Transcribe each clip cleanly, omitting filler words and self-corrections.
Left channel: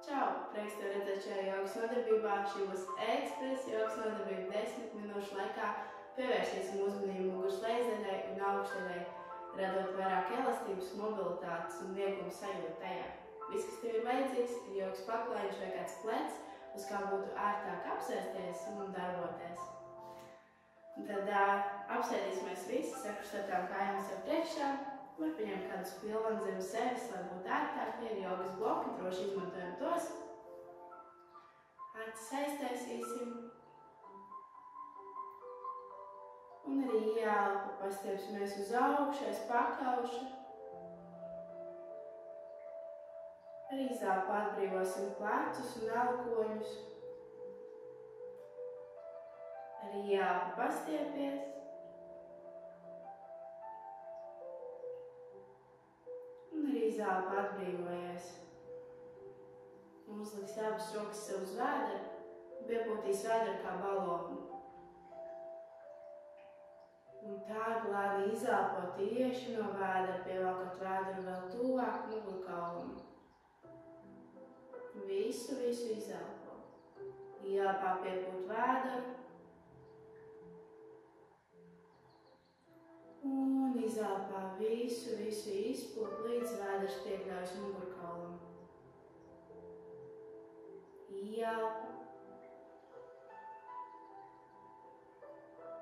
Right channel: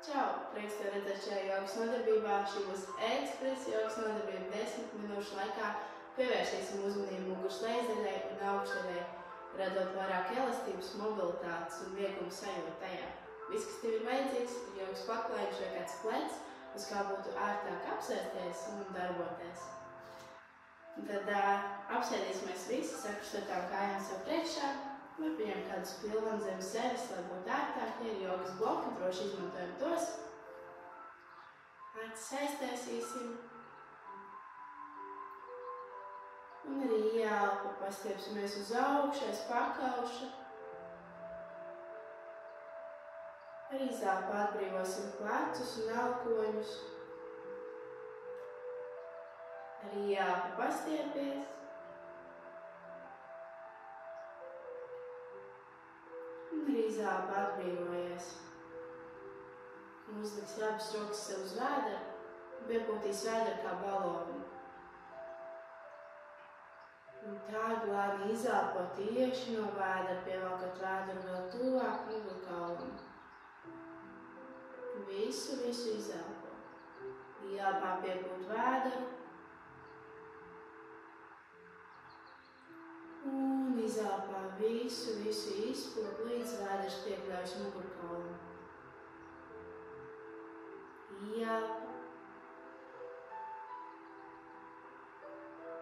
Čau! Prieks tev redzēt šajā jogas nodarbībā. Šī būs ekspresa jogas nodarbība 10 minūšu laikā. Pievērsīsim uzmanību muguras lejzaļai un augšdaļai, radot vairāk elastības, mobilitātes un vieglumu sajūtu tajā. Viss, kas tev ir vajadzīgs, ir jogas paklājums vai kāds plecs, uz kā būtu ērtāk apsēsties un darboties. Tad apsēdīsimies visi, sakrustotām kājām sev priekšā. Var pieņemt kādus pilvanu zem sevis, lai būtu ērtāk. Ja ir jogas bloki, droši izmantojam tos. Acis aiztaisīsim. Un arī ieelpu pastiepsimies uz augšu, aiz pakauša. Ar izelpu atbrīvosim plecus un elkoņus. Ar ieelpu pastiepies. Un ar izelpu atbrīvojies. Uzliks abas rokas sev uz vēdera un piepūtīs vēderu kā balonu. Un tā glābi izelpo tieši no vēdera, pievelkot vēderu vēl tuvāk mugurkaulam. Visu izelpo. Ielpā piepūt vēderu. Un izelpā visu izpūt, līdz vēders piekļaujas mugurkaulam. Ielpa.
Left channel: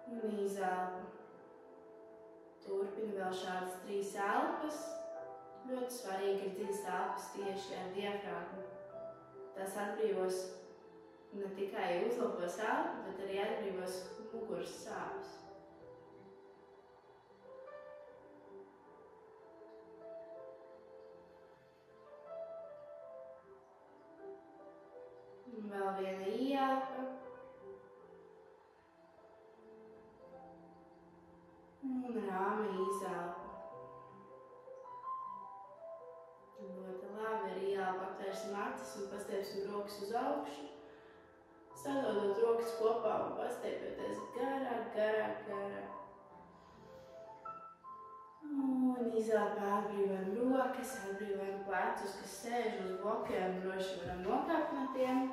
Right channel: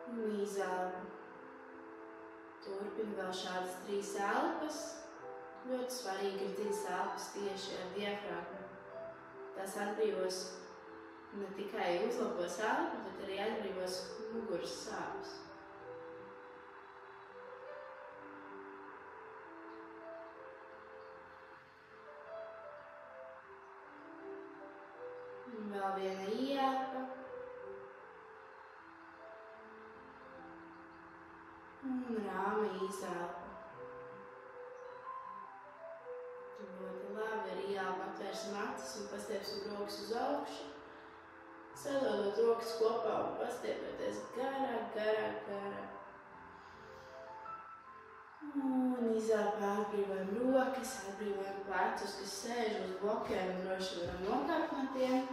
Un izelpa. Turpini vēl šādas 3 elpas. Ļoti svarīgi ir dziļas elpas tieši ar diafragmu. Tas atbrīvos ne tikai uzlabos elpu, bet arī atbrīvos muguras sāpes. Un vēl viena ielpa. Un rāma izelpa. Ļoti labi, ar ielpu atvērsim acis un pastiepsim rokas uz augšu. Sadodot rokas kopā un pastiepjoties garāk. Un izelpā atbrīvojam rokas, atbrīvojam plecus, kas sēž uz blokiem, droši varam nokāpt no tiem.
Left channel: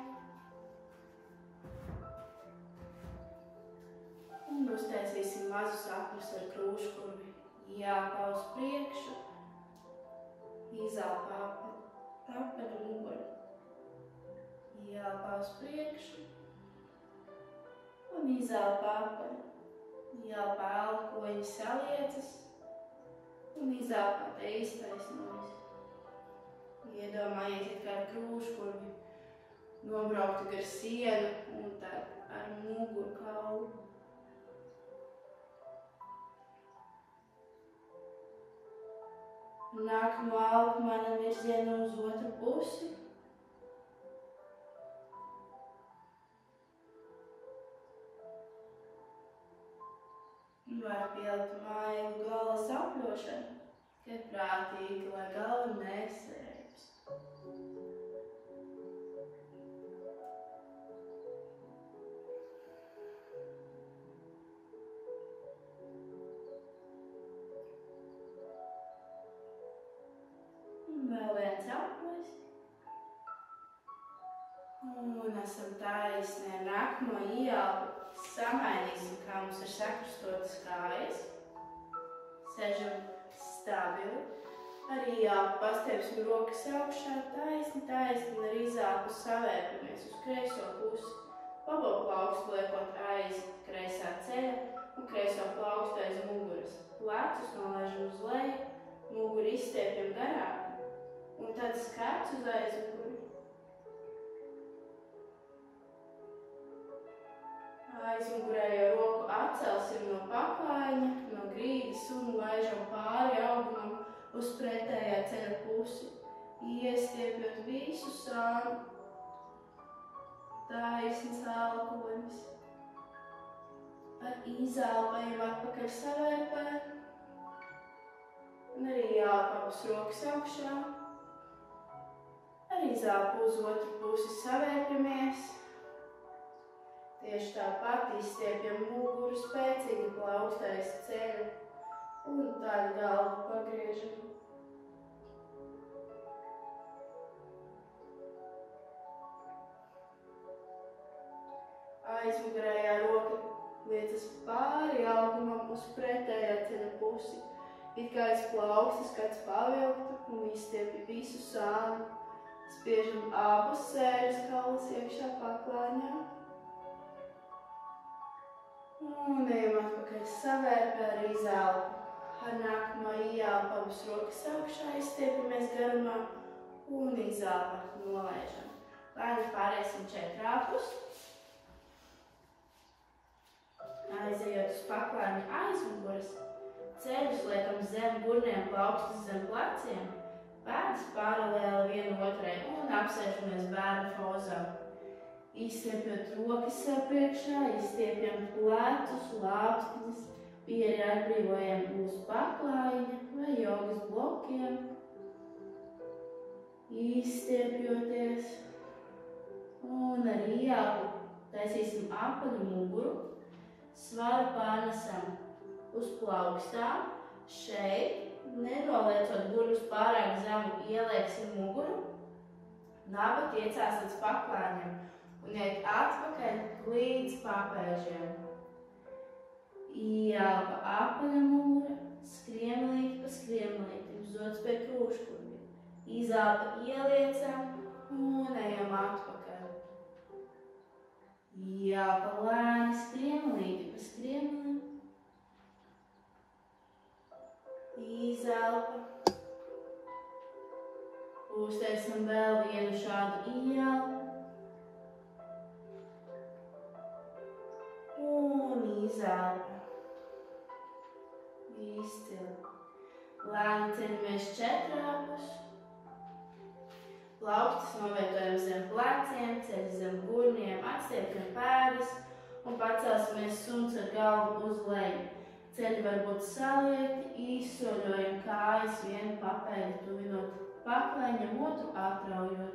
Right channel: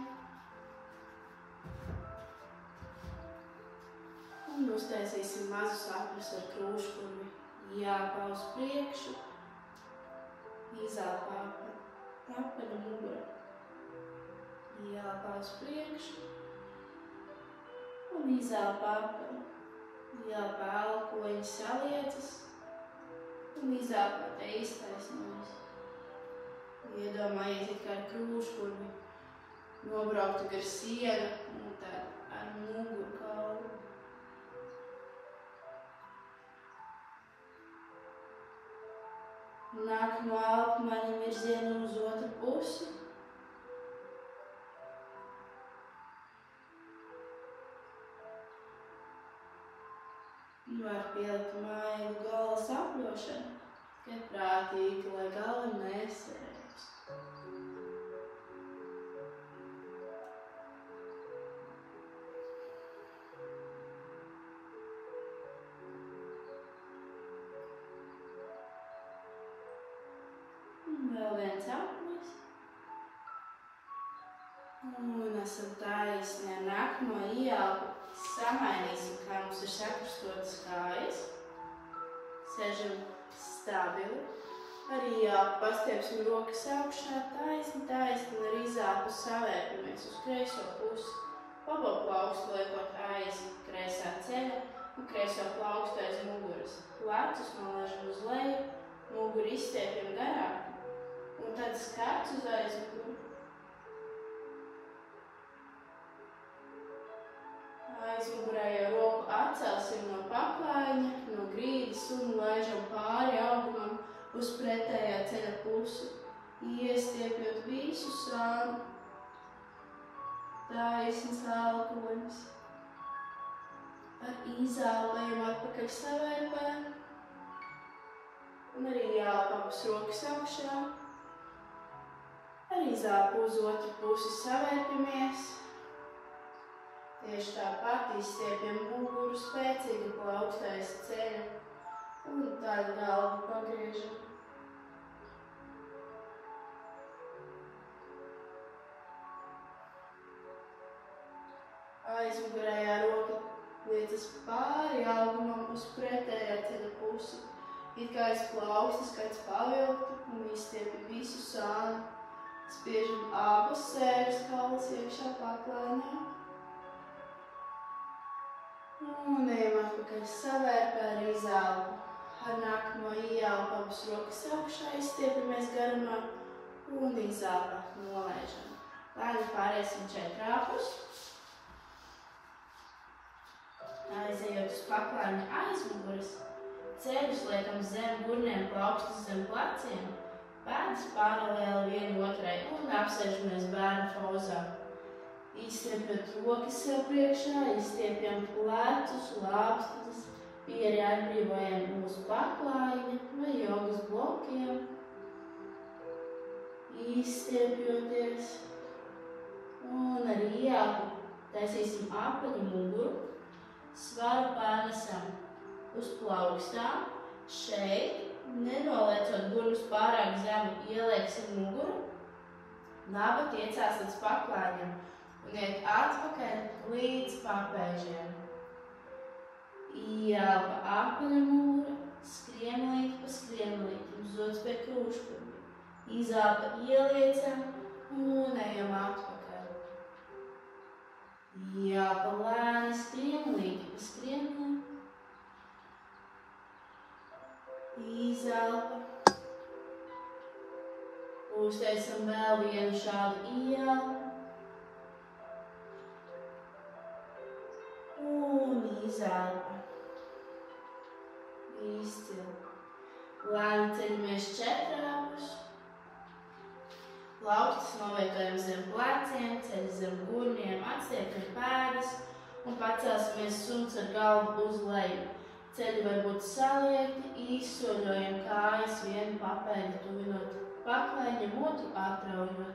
Un uztaisīsim mazus apļus ar krūšpurvi. Ielpā uz priekšu, izelpā apvedu muguru. Ielpā uz priekšu un izelpā apvedu. Ielpā elkoņi saliecas un izelpā te iztaisnojas. Iedomājiet, kā ar krūšpurvi nobrauktu gar sienu un tad ar muguru kaulu. Nākamo elpu mainam virzienu uz otru pusi. Var pielikt maigu galvas apļošanu, kad prātīgi, lai galva nesvērjas. Vēl viens aplis. Un esam taisni ar nākamo ielpu. Samainīsim, kā mums ir sakrustotas kājas. Sēžam stabili. Ar ielpu pastiepsim rokas augšā taisni un ar izelpu savērpamies uz kreiso pusi. Labo plaukstu liekot aiz kreisā ceļa un kreiso plaukstu aiz muguras. Plecus nolaižam uz leju, muguru izstiepjam garāk. Un tad skats uz aizmuguru. Aizmugurējo roku atcelsim no paklājiņa, no grīdas un laižam pāri augumam uz pretējā ceļa pusi. Iestiepjot visu sānu. Taisns elkonis. Ar izelpējam atpakaļ savērpē. Un arī ielpa abas rokas augšā. Ar izelpu uz otru pusi savērpamies. Tieši tāpat izstiepjam muguru, spēcīgi plaukstu aiz ceļa un tad galvu pagriežam. aizmugurējā roka liecas pāri augumam uz pretējā ceļa pusi, it kā aiz plaukstas kāds pavilktu un izstiepja visu sānu, spiežam abus sēžas kaulus iekšā paklājņā. Un ejam atpakaļ savērpē ar izelpu. Ar nākamo ieelpu abas rokas augšā izstiepamies garumā un izelpa nolaižam. Lēni pārēsim četrāpus. Aizejot uz paklājņa aizmuguras, ceļus liekam zem gurniem, plaukstas zem pleciem, pēdas paralēli vienu otrai un apsēžamies bērnu pozā. Izstiepjot rokas sev priekšā, izstiepjam plecus, lāpstas, pieri atbrīvojam mūsu paklājņa vai jogas blokiem, izstiepjoties un ar ieelpu taisīsim apaļu muguru. Svaru pārnesam uz plaukstām, šeit, nenoliecot gurnus pārāk zemi, ielieksim muguru, naba tiecās līdz paklājņam un iet atpakaļ līdz papēžiem. Ieelpa apaļa mūra, skriemlīti pa skriemlīti, uzots pie krūškurbi. Izelpa ieliecam un ejam atpakaļ. Ieelpa lēni skriemlīti pa skriemlim. Izelpa. Uztaisam vēl vienu šādu ieelpu. Un izelpa. Izcili. Lēni ceļamies četrāpus. Plaukstas novietojam zem pleciem, ceļi zem gurniem, atstiepjam pēdas un pacelsimies suns ar galvu uz leju. Ceļi var būt saliekti, izsoļojam kājas vienu papēdi tuvinot paklājņam, otru atraujot.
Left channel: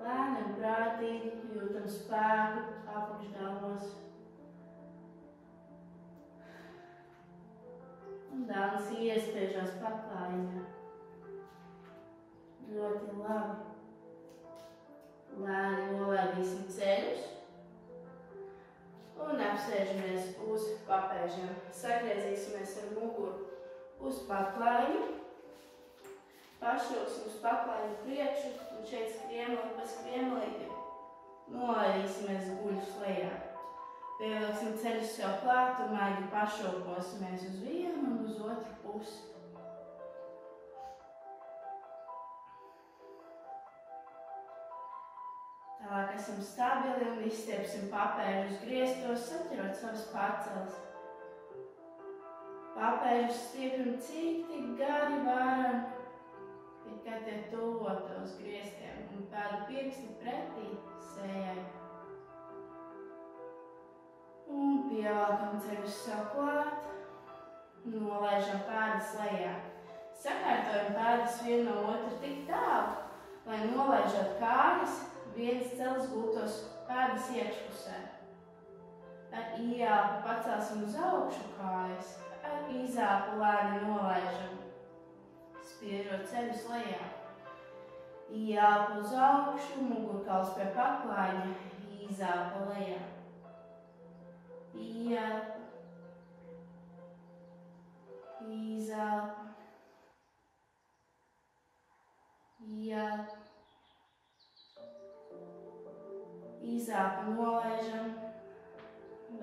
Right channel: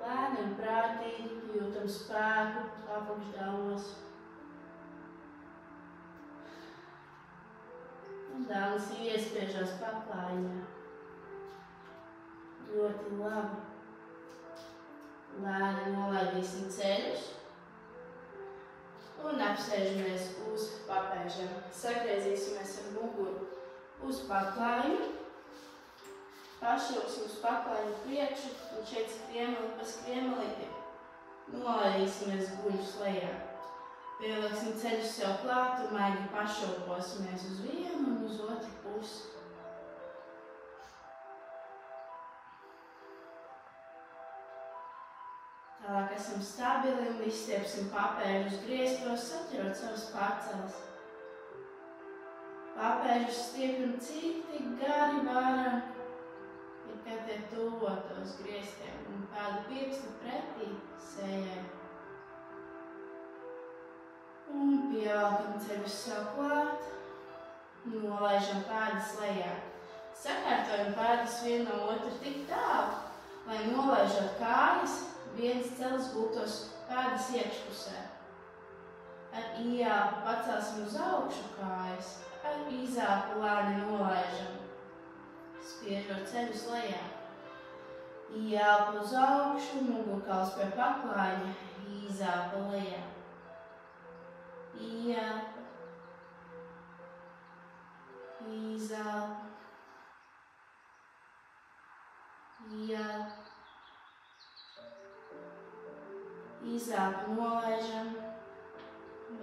Lēni un prātīgi jūtam spēku apakšdāmos. Un dāmas iespiežās paklājņā. Ļoti labi. Lēni nolaidīsim ceļus un apsēžamies uz papēžiem. Sagriezīsimies ar muguru uz paklājņu. Pašauksim uz paklājņu priekšu un šeit skriemeli pa skriemelīti. Nolaidīsimies guļus lejā. Pieliksim ceļus sev klāt un maigi pašauposimies uz vienu un uz otru pusi. Tālāk esam stabili un izstiepsim papēžus griestos, saķerot savas paceles. Papēžus stiepjam cik tik gari varam, it kā tie tuvotos griestiem un pēdu pirksti pretī sējai. Un pievelkam ceļus sev klāt, nolaižam pēdas lejā. Sakārtojam pēdas vienu no otru tik tālu, lai nolaižot kājas, viens celis gultos pēdas iekšpusē. Ar ieelpu pacelsim uz augšu kājas, ar izelpu lēni nolaižam, spiežot ceļus lejā. Ieelpu uz augšu, mugurkauls pie paklājņa, izelpu lejā. Ieelpa, izelpa, ieelpa, izelpa nolaižam,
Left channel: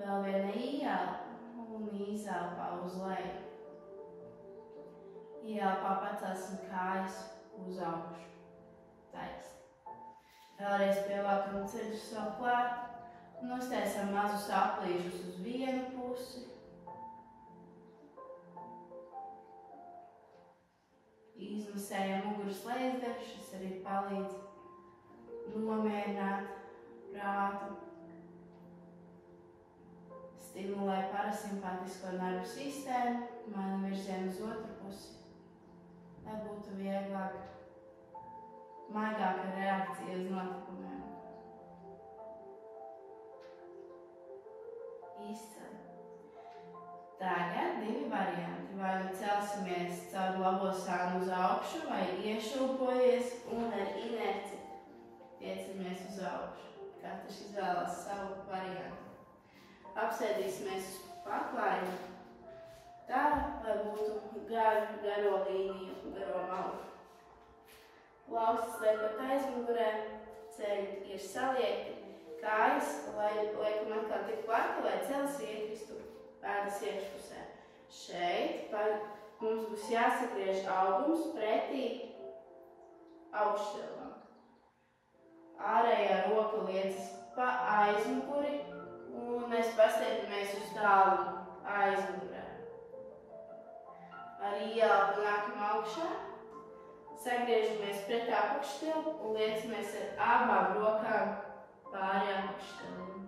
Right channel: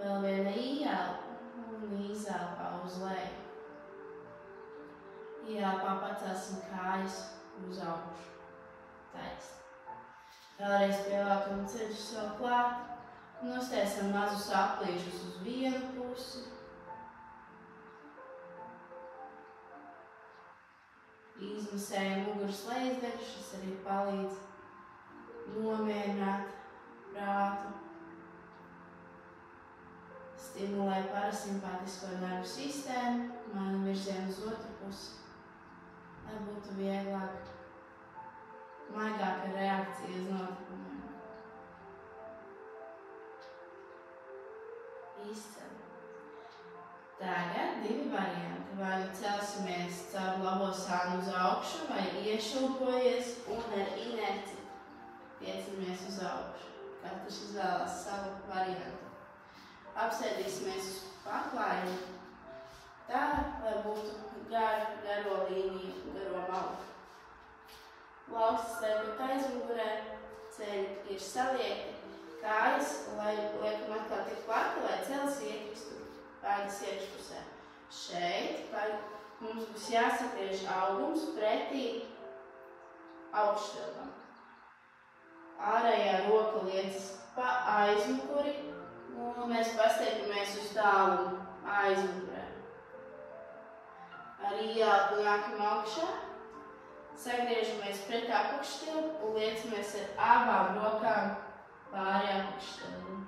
vēl viena ieelpa un izelpā uz leju. Ieelpā pacelsim kājas uz augšu, taisni. Vēlreiz pievelkam ceļus sev klāt. Nostēsim mazus aplīšus uz vienu pusi. Izmisējam muguras lejasdaļu, šis arī palīdz nomierināt prātu. Stimulē parasimpātisko nervu sistēmu, maina virzienu uz otru pusi, lai būtu vieglāk, maigāka reakcija uz notikumiem. Izcili. Tagad divi varianti. Vai nu celsimies caur labo sānu uz augšu, vai iešūpojies un ar inerci tiecamies uz augšu. Katrs izvēlās savu variantu. apsēdīsimies uz paklājienu. Tā, lai būtu garo līniju, garo malu. Plaukstas liekot aizmugurē, ceļi ir saliekti, kājas, lai liekam atkal tik plati, lai celis ietristu pēdas iekšpusē. Šeit mums būs jāsagriež augums pretī augšstilbam. Ārējā roka liecas pa aizmuguri, un mēs pastiepamies uz tālumu aizmugurē. Ar ieelpu nākam augšā, sagriežamies pret apakšstilbu un liecamies ar abām rokām pāri apakšstilbu.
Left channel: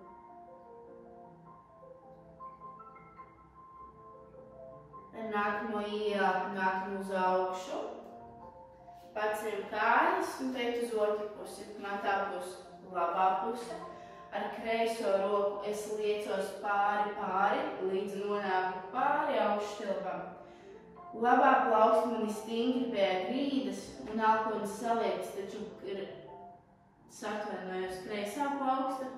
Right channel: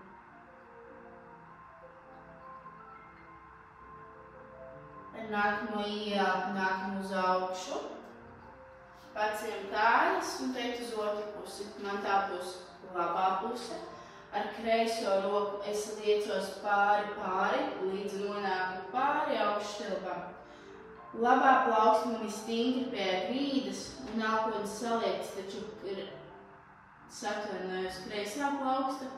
Ar nākamo ieelpu nākam uz augšu, paceļam kājas un teikt uz otru pusi. Man tā būs labā puse. Ar kreiso roku es liecos pāri, līdz nonāku pāri augšstilbam. Labā plauksta man ir stingri pie grīdas un elponis saliekts, taču ir satvainojusi kreisā plauksta.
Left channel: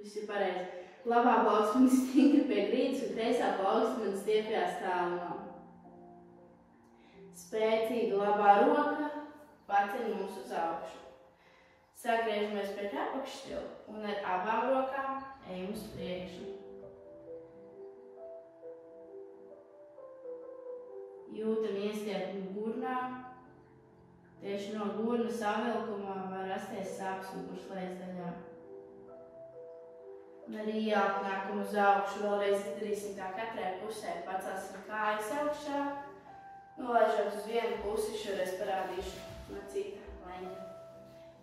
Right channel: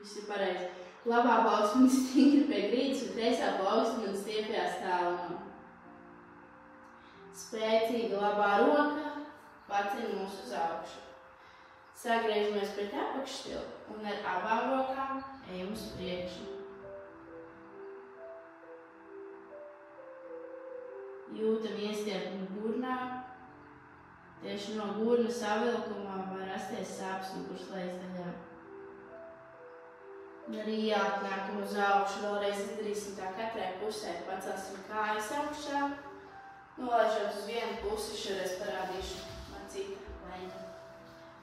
Viss ir pareizi. Labā plauksta man ir stingri pie grīdas un kreisā plauksta man stiepjās tālumā. Spēcīga labā roka paceļ mūs uz augšu. Sagriežamies pret apakšstilbu un ar abām rokām ejam uz priekšu. Jūtam iestiepumu gurnā. Tieši no gurna savilkumā var rasties sāpes muguras lejasdaļā. Un arī jāatnākam uz augšu. Vēlreiz izdarīsim tā katrai pusē. Pacelsim kājas augšā. Nolaižot uz vienu pusi, šoreiz parādīšu macīta leņķa.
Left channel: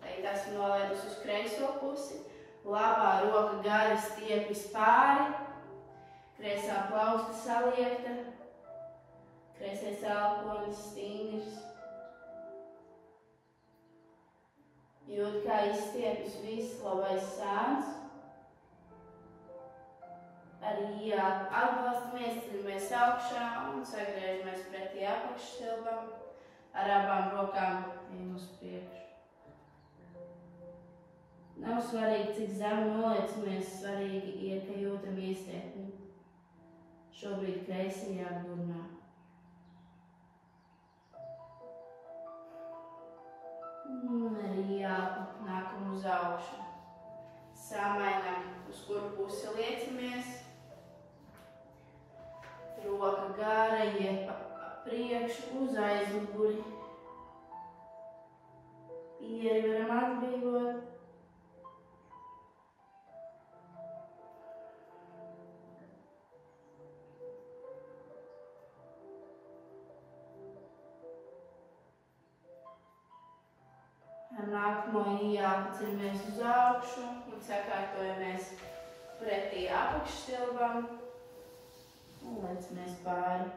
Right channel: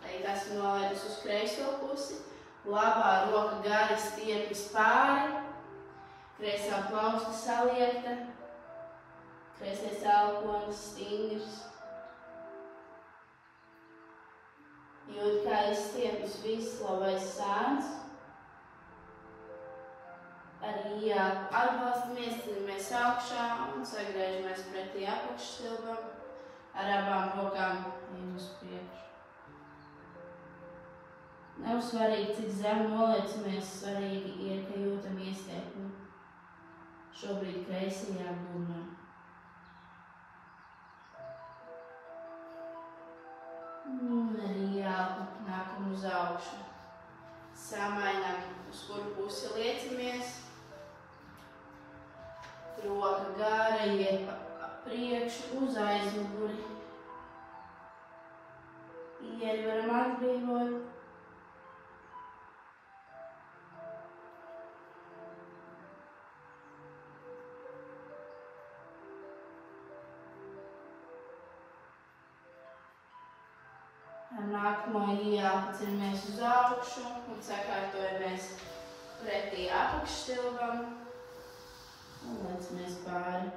Tagad esmu nolaidus uz kreiso pusi. Labā roka gari stiepjas pāri. Kreisā plausta saliekta. Kreisais elponis stingrs. Jūt, kā izstiepjas viss labais sāns. Arī atbalstamies, ceļamies augšā un sagriežamies pretī apakšstilbam. Ar abām rokām ejam uz priekšu. Nav svarīgi, cik zemu noliecamies, svarīgi ir, ka jūtam iestiepumu. Šobrīd kreisajā gurnā. Un arī nākam uz augšu. Samainam, uz kuru pusi liecamies. Roka gara iet pa priekšu uz aizmuguri. Ieri varam atbrīvot. Ar nākamo ieelpu ceļamies uz augšu un sakārtojamies pretī apakšstilbam un lecamies pāri.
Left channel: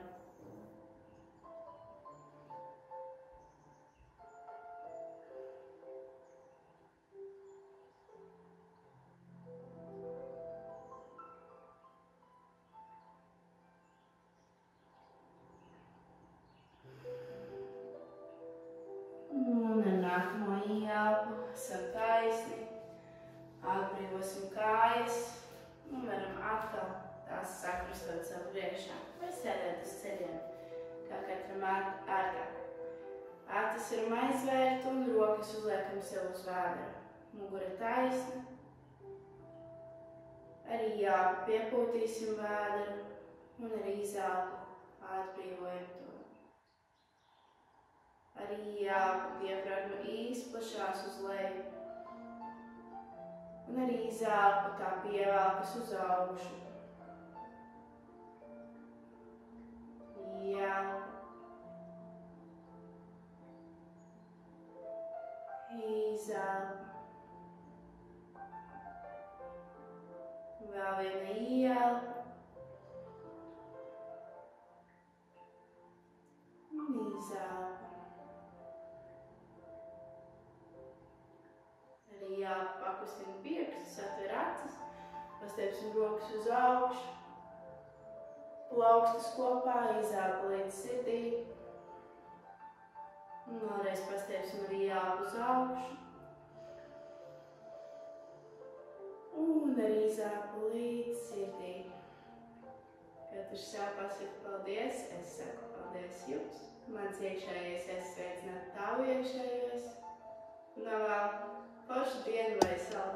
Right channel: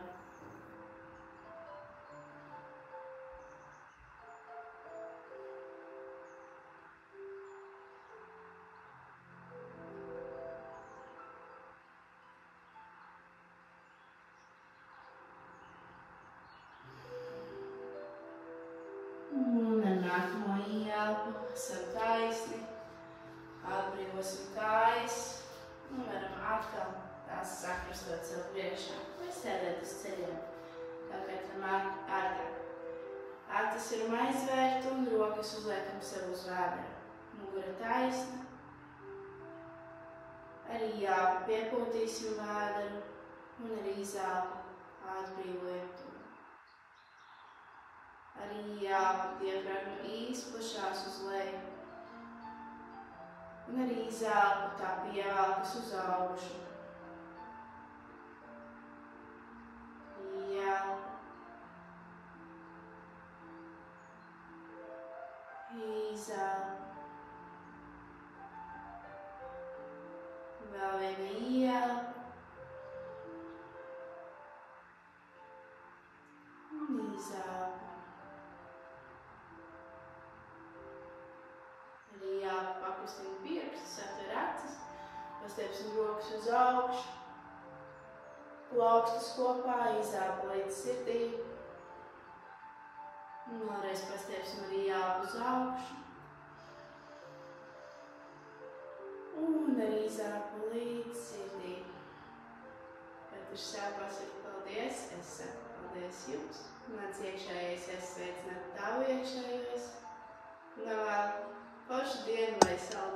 Un ar nākamo ieelpu esam taisni, atbrīvosim kājas un varam atkal tās sakrustot sev priekšā vai sēdēt uz ceļiem, kā katram ārtāk. Acis varam aizvērt un rokas uzliekam sev uz vēdera. Mugura taisna. Arī ieelpu piepūtīsim vēderu un arī izelpu atbrīvojam to. Arī ieelpu diafragma izplašās uz leju. Un arī izelpu tā pievelkas uz augšu. Ieelpu. Izelpu. Vēl viena ieelpu. Un izelpu. Arī pakustina pirkstus, atver acis, pastiepsim rokas uz augšu, plaukstus kopā, izelpu līdz sirdī. Un vēlreiz pastiepsim arī ieelpu uz augšu. un ar izaku līdz sirdī. Katrs sev pasaka paldies, es saku paldies jums. Mans iekšējais es sveicināt tavu iekšējos. Un vēl foršu dienu vai saldu